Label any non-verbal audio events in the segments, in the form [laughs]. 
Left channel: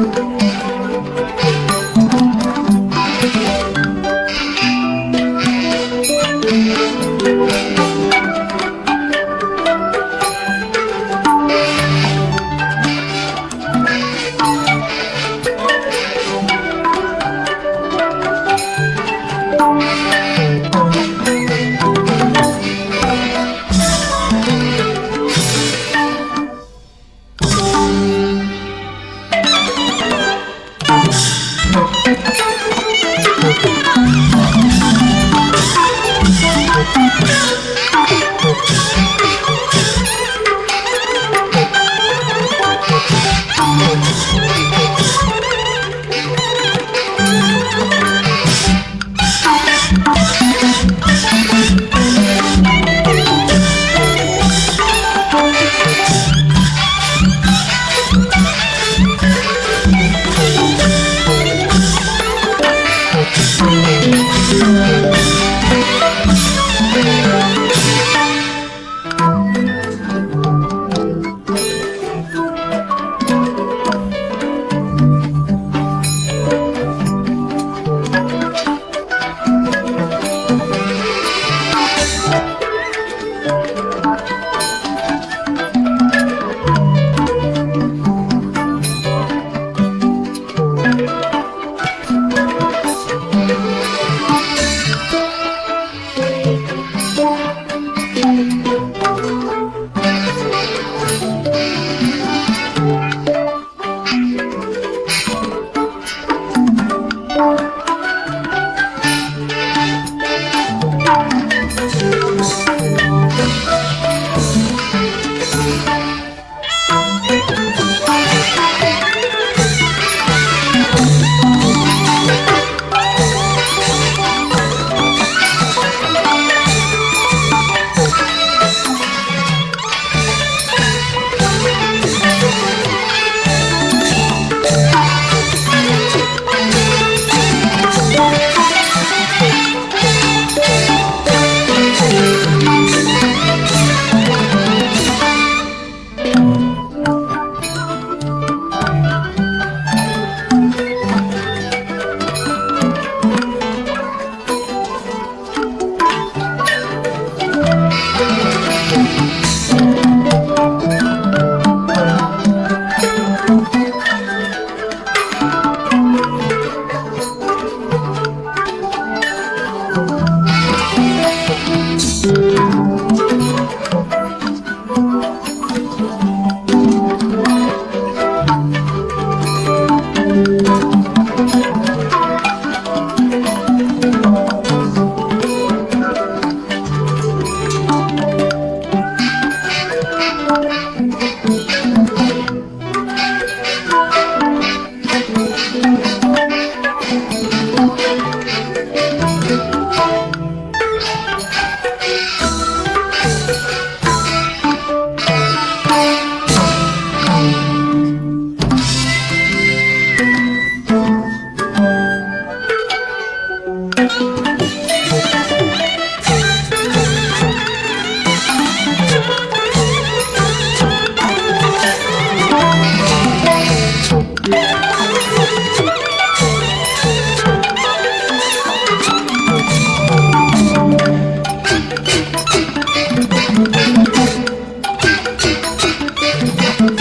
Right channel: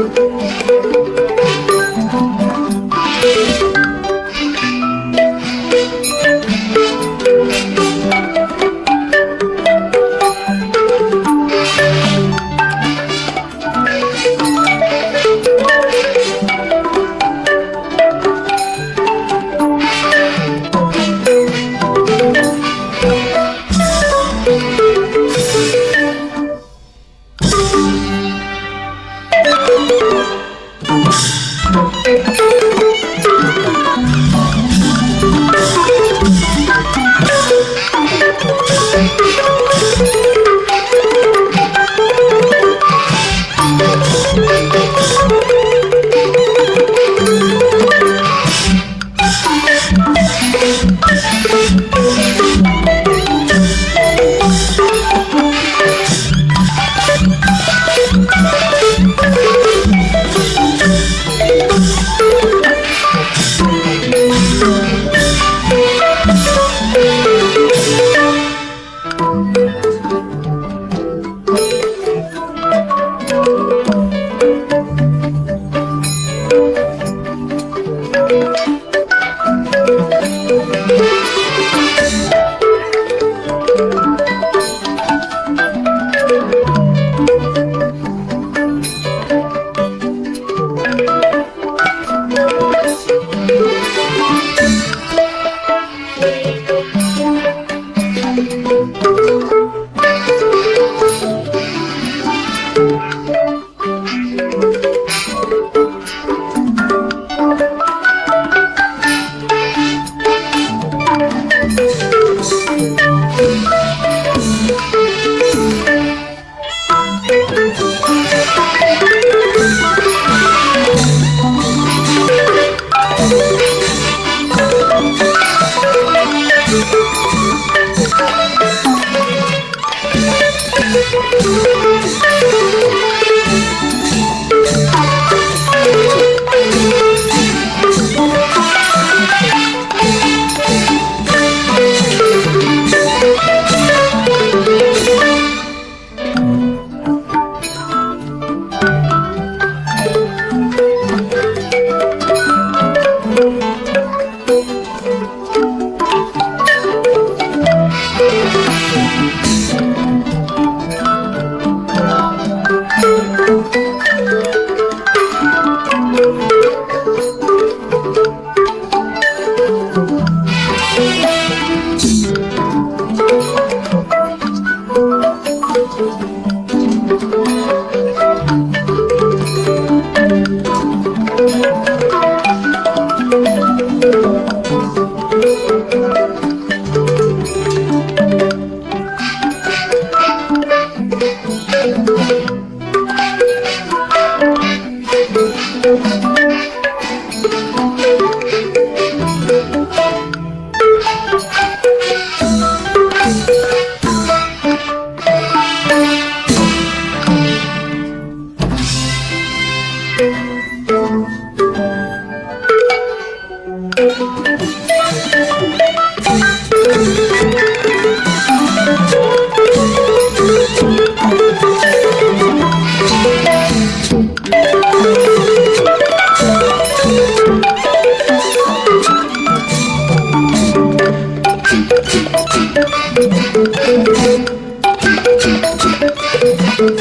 Thank you. Thank [laughs] you.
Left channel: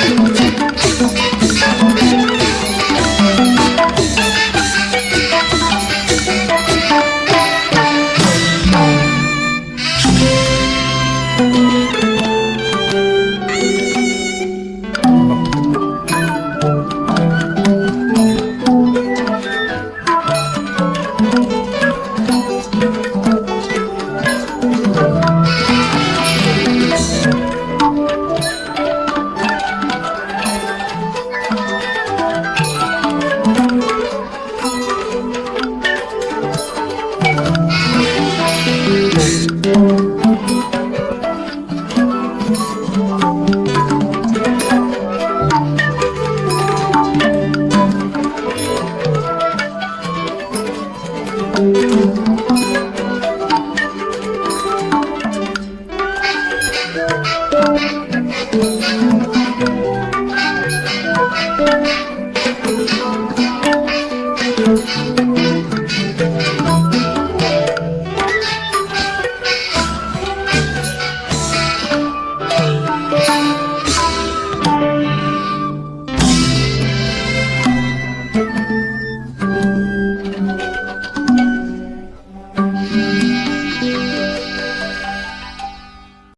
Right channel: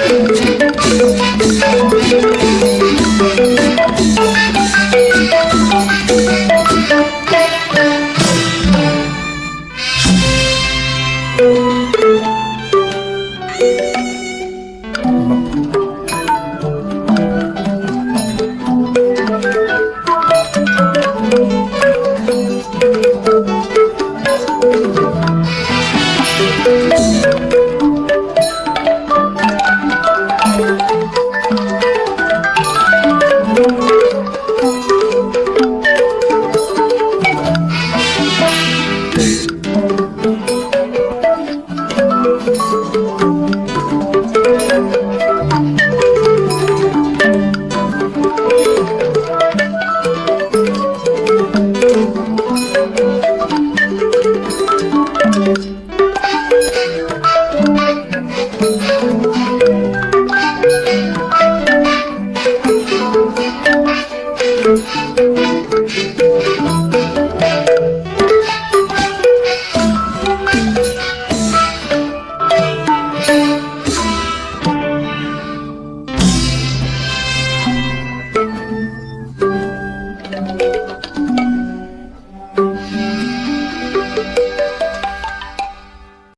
Thank you.